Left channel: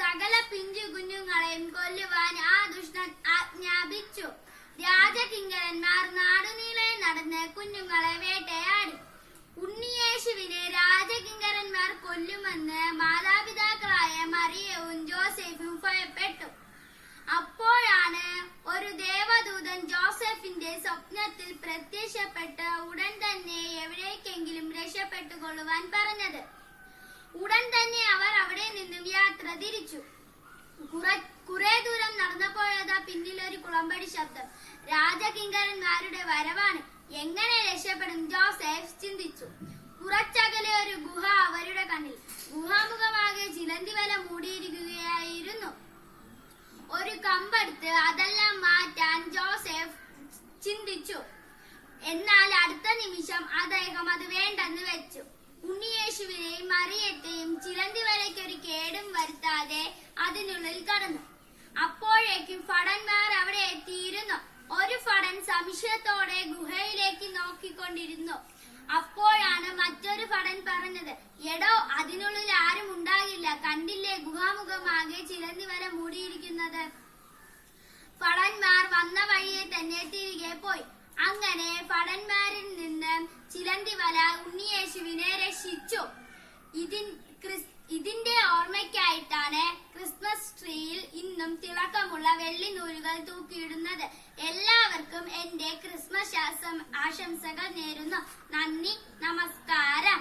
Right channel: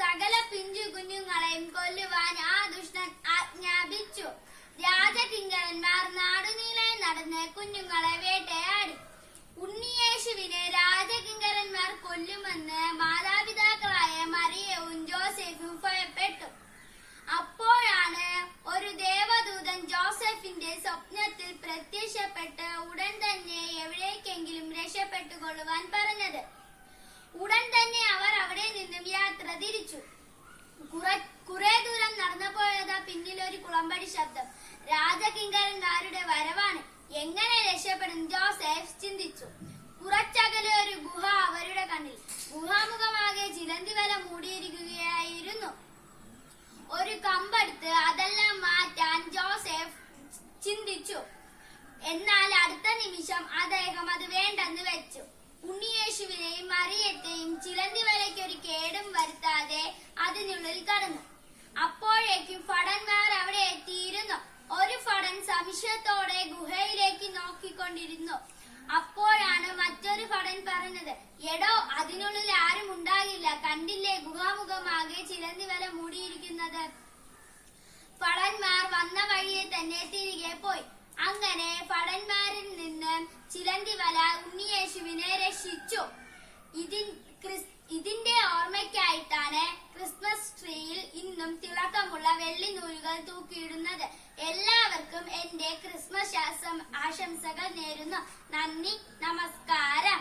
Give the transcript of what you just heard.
സകല പിഞ്ചു കുഞ്ഞുങ്ങളെയും കൊല്ലുവാൻ ആ ദുഷ്ടൻ ആജ്ഞാപിച്ചു. രാജകിങ്കരന്മാർ നാടുനീളെ നടന്ന് കുഞ്ഞുങ്ങളെ വേട്ടയാടി. ഉണ്ണിയേശുവിനെ രാജകിങ്കരന്മാർ കൊല്ലുമെന്ന് മാതാപിതാക്കളായ മറിയവും ജോസഫും ഭയപ്പെട്ടു. അപ്പോഴാണ് ഒരു ദേവദൂതൻ ജോസഫിന്റെ സ്വപ്നത്തിൽ പ്രത്യക്ഷപ്പെട്ട് ഉടൻ തന്നെ എവിടേക്കെങ്കിലും രക്ഷപ്പെട്ടുകൊള്ളുവാൻ പറഞ്ഞത്. ഉടൻ തന്നെ അവർ അവിടെ നിന്നും യാത്ര തിരിച്ചു. കുറെ ദൂരം നടന്നപ്പോഴതാ പിന്നിൽ ഒരു കുളമ്പടി ശബ്ദം. രാജകിങ്കരന്മാരുടെ വരവാണ്. എങ്ങനെ രക്ഷപ്പെടും? ജോസഫ് ചിന്തിച്ചു. കുറച്ചകലെ ഒരു ഗുഹ അവരുടെ കണ്ണിൽ. ഗുഹാമുഖമാകെ ചിലന്തി വല മൂടിയിരിക്കുകയായിരുന്നു. ഒരു കമ്പെടുത്ത് അതെല്ലാം മാറ്റാൻ ജോസഫ് ചിന്തിച്ചു. എന്നാൽ അടുത്ത നിമിഷം അദ്ദേഹം അത് വേണ്ടെന്ന് വെച്ചു. ഉണ്ണിയേശുവിനെയും മറിയത്തെയും ചിലന്തി വലയ്ക്കൊരു കേടും വരുത്താതെ അതിനുള്ളിൽ കടന്നു. അപ്പോഴേക്കും ഭടന്മാർ അവിടെ എത്തിയിരുന്നു. ഒരു ഭടൻ സംശയത്തോടെ ഗുഹയിലേക്ക് നോക്കിക്കൊണ്ടിരുന്നു. അപ്പോഴാണ് മറ്റൊരു ഭടൻ പറഞ്ഞത്, എടോ, അതിനുള്ളിൽ ആരും ഉണ്ടാകില്ല. കണ്ടില്ലേ, ഗുഹാമുഖമാകെ ചിലന്തി വല മൂടിയിരിക്കുന്നത്. ഭടന്മാർ വന്ന വഴിയെ തന്നെ തിരികെ പോയി. അങ്ങനെ ഭടന്മാരിൽ നിന്ന് ചിലന്തി വല ഉണ്ണിയേശുവിനെ രക്ഷിച്ചു. ഇതിന്റെ ഓർമ്മയ്ക്കായിട്ടാണ് ക്രിസ്മസ് ട്രീയിൽ ഇന്നും തിളക്കമുള്ള വെള്ളി നൂലുകൾ തൂക്കിയിടുന്നത്. എല്ലാവർക്കും എന്റെ ക്രിസ്മസ് ആശംസകൾ നേരുന്നു. നന്ദി, നമസ്കാരം.